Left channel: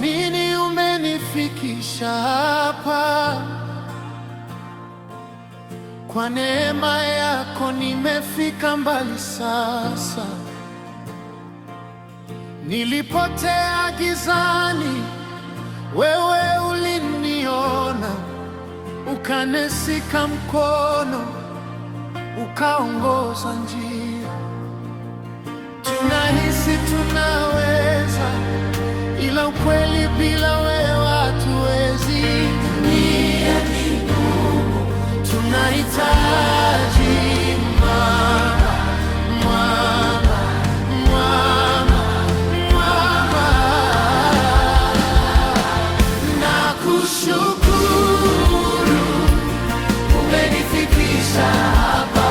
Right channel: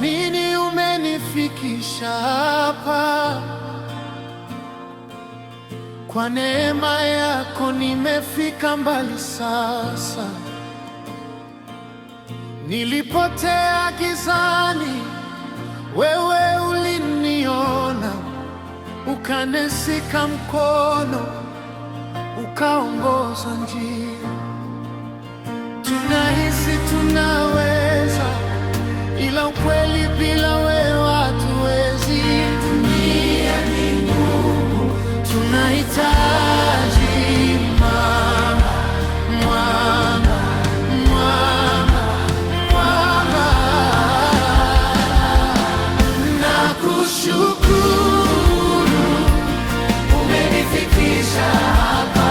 sikuamini umenifikisha hapa. Kwa neema yako nimefika mbali sasa. Nilipotea gizani, wewe uliniona, ukanishika mkono, ukaongoza njia. Tunahisi tunaweza, ila ukweli bila wewe hatuwezi. Dunia ni ngumu, tunahitaji mwamba, mwamba, mwamba, mwamba. Nakushukuru umenifikisha hapa,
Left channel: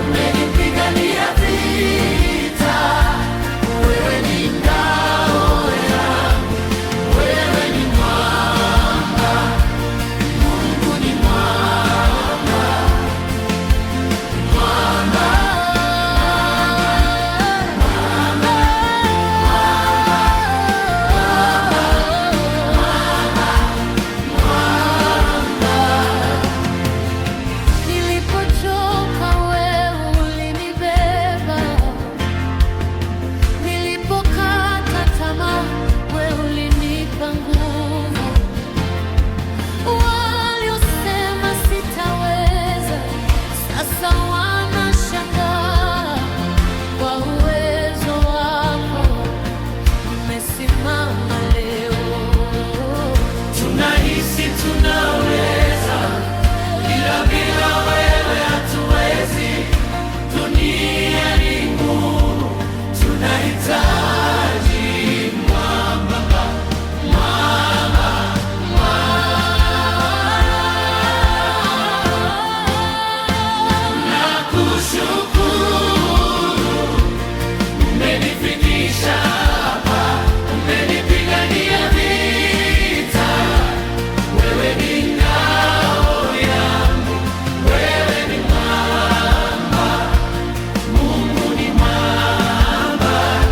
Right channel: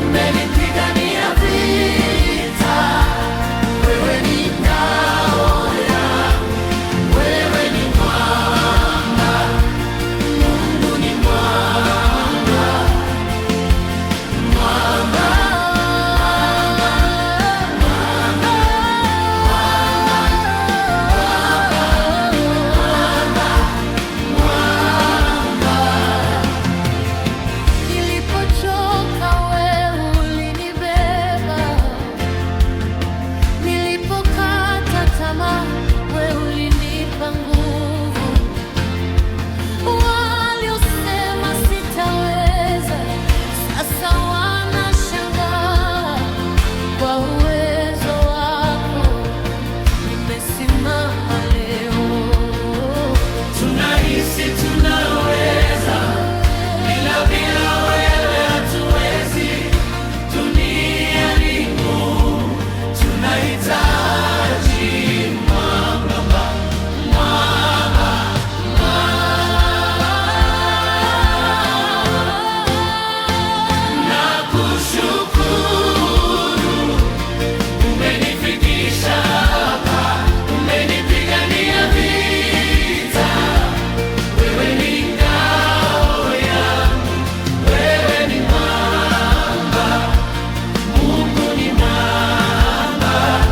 umenipigania vita. Wewe ni ngao yangu, wewe ni mwamba, Mungu ni mwamba, mwamba, mwamba. Nilipochoka wewe ulinibeba, nilipokata tamaa wewe ulinipa nguvu. Waliosema sitaweza, sasa wanashangaa. Kwa uwezo wako nimesimama leo. Tunahisi tunaweza, ila bila wewe hatuwezi. Dunia ni ngumu, tunahitaji mwamba, mwamba, mwamba. Nakushukuru umenifikisha hapa, umenipigania vita. Wewe ni ngao yangu, wewe ni mwamba, Mungu ni mwamba,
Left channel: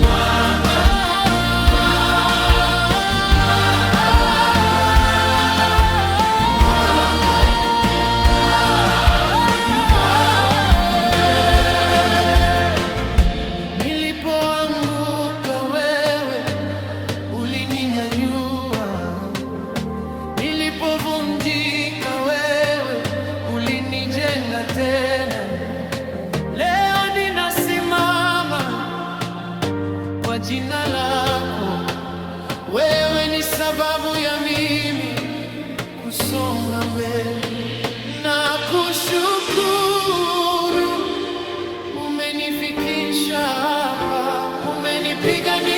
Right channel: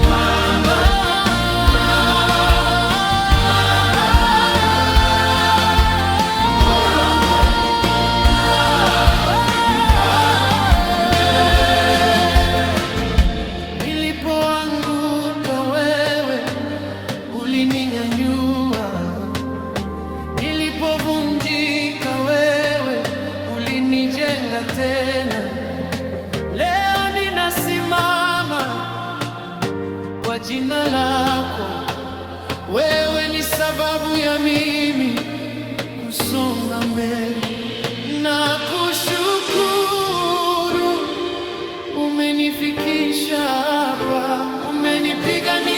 mwamba. Nilipoanguka wewe ulininyanyua, nilipovunjika wewe ulinijenga tena. Leo ninasimama kwa jina lako, wewe ni sababu ya mimi kusonga mbele. Nakushukuru umenifikisha hapa, umenipigania